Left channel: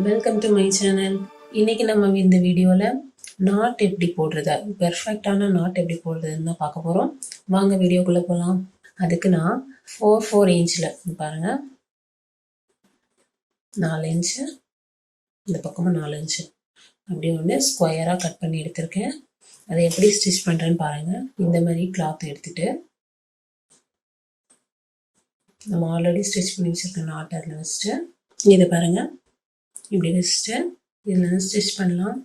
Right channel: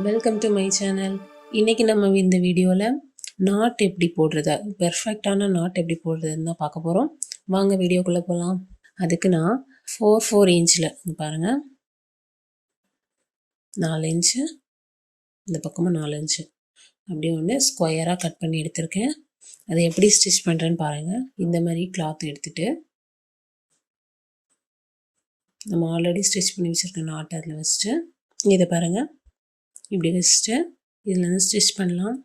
Welcome to my channel. இன்னைக்கு நம்ம இந்த வீடியோவில் நாட் எப்படி போடுறது, பெர்ஃபெக்டான நாட் எப்படி போடுறதுன்னு தான் பார்க்க போகிறோம். வாங்க வீடியோக்குள்ளே போகலாம். அதுக்கு நான் 4 இன்ச்சில் பாருங்கள், 4 இன்ச்சு, இந்த பக்கமாக 4 இன்ச்சு அப்படி ஒன்று ஸ்கொயராக கட் பண்ணி எடுத்திருக்கேன். அதை எப்படி ஸ்டிச் பண்ணுறேன்னு பாருங்கள். இந்த மாதிரி கிளாத் எடுத்துகிட்டு நம்ம ஆல்ரெடி ஸ்டிச் பண்ணி வச்சுருக்க நாட் அதில் வச்சுட்டு இதை பாருங்கள் இப்படி வச்சுட்டு இதில் வந்து ஸ்டிச் பண்ணலாம்.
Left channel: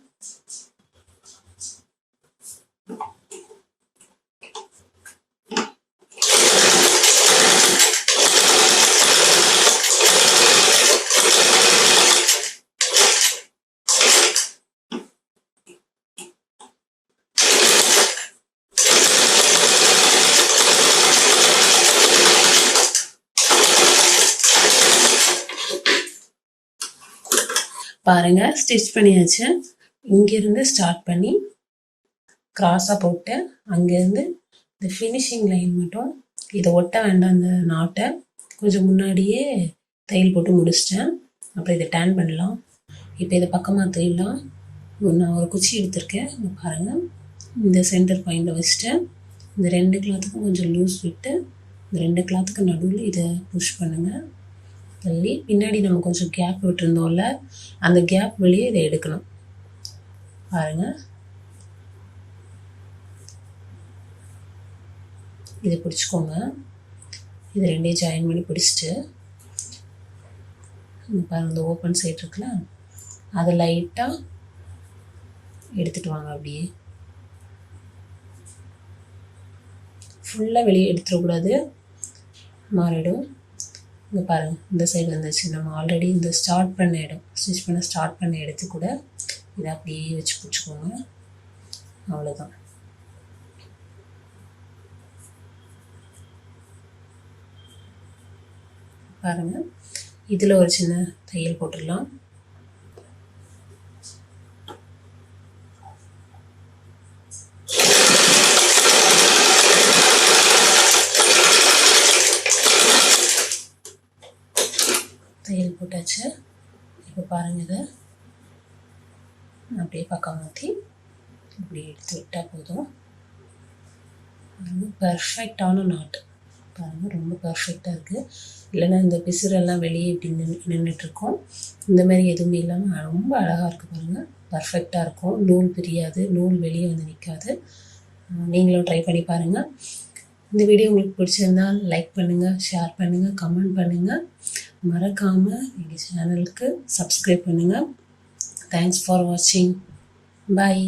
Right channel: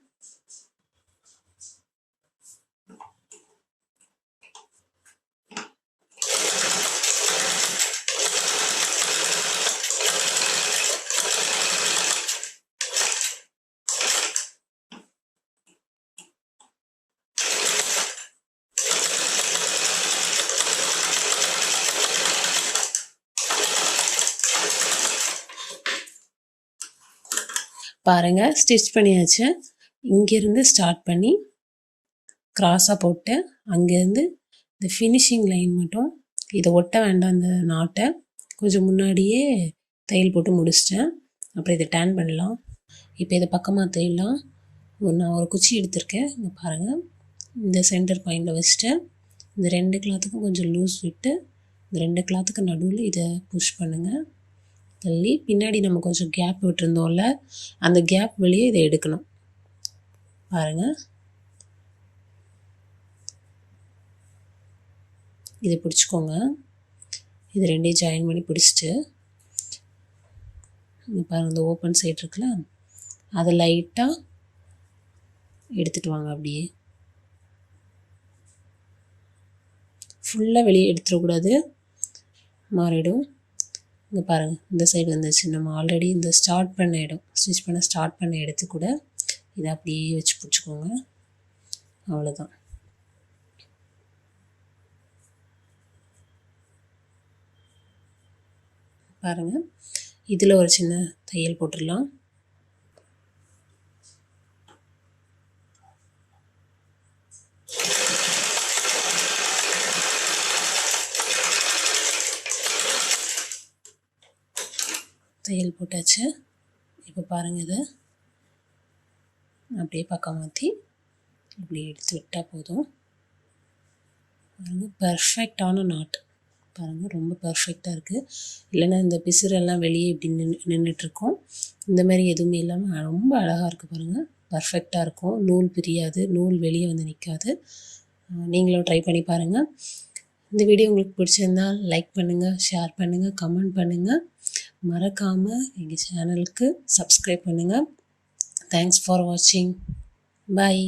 பாருங்கள், ஸ்டிச் பண்ணியாச்சு. இங்கேருந்து ஸ்டார்ட் பண்ணி கிராஸாக போட்டு அங்கேருந்து இந்த ஃபினிஷிங் லைன் மட்டும் இதை ஒட்ட வேண்டாம். அந்த நாட்டை கொஞ்சம் முன்னாடியே தையல் போட்டு முடிச்சிட்டேன். அப்புறம் இதை டேன் பண்ணலாம். இப்போ இதை பக்கமாக தையலாம். நான் ஒரு குச்சி எடுத்திருக்கேன். பாருங்கள், இந்த சென்டர் பாயிண்டில் வச்சுட்டேன். இந்த 2 கிளாத்துக்கும் கொஞ்சம் லூஸ் விட்டு இந்த 2 கிளாத்துக்கு நடுவில் இதை புஷ் பண்ணுங்கள். தள்ளி பின்னாடி நம்ம கொஞ்சம் கேப் விட்டுருந்தோம்ல, அந்த கேப் வழியே இதை எடுக்கணும். பாருங்கள், இதை பிடிச்சிக்கோங்க. இது 2 ஜாயின் பண்ணி பிடிச்சிட்டு பாருங்கள், இந்த ஓப்பன் சைடு இருக்குல்ல, அதை லைட்டாக எடுத்துகிட்டு வாங்க. அப்படியே ஃபுல்லாக வெளியே எடுத்துடக்கூடாது, மாறிடும். இங்கே பாருங்கள், இந்த சைடு வந்துச்சு. நம்ம ஆல்ரெடி இந்த ஸ்டார்ட் பண்ண இடம், ஸ்டிச் பண்ண ஸ்டார்ட் பண்ண இடத்து கூட இதை அப்படியே வச்சு பிடிச்சிக்கோங்க. அவ்வளோதான். பாருங்கள், இதில் ஒரு சின்ன தையல் போட்டுடலாம். தையல் போட்டாச்சு. இப்போ பாருங்கள், இதை அப்படியே பக்கம் மாற்றி இப்படி எடுத்து விட்டால் போதும். பாருங்கள், பர்ஃபெக்டான நாட். பாருங்கள், ரொம்ப பர்ஃபெக்டாக இருக்குது. இல்லைன்னா இந்த பிசுரெல்லாம் வெளியே இப்படி நின்றுட்டுருக்கோம். இந்த மாதிரி எதுவுமே இல்லாமல் ரொம்ப அழகாக இருக்குது. பாருங்கள், பர்ஃபெக்டாக இருக்கும். நூல் பிரியாது, நூல் வெளியே வந்து நிற்காது. நீங்களும் ட்ரை பண்ணி பாருங்கள். இந்த வீடியோ உங்களுக்கு பிடிச்சிருந்தால் லைக் பண்ணுங்கள், ஷேர் பண்ணுங்கள், கமெண்ட் பண்ணுங்கள். மறக்காமல் எங்கள் சேனலுக்கு சப்ஸ்கிரைப் பண்ணுங்கள். தேங்க்ஸ் ஃபார் வாட்சிங். பாய்.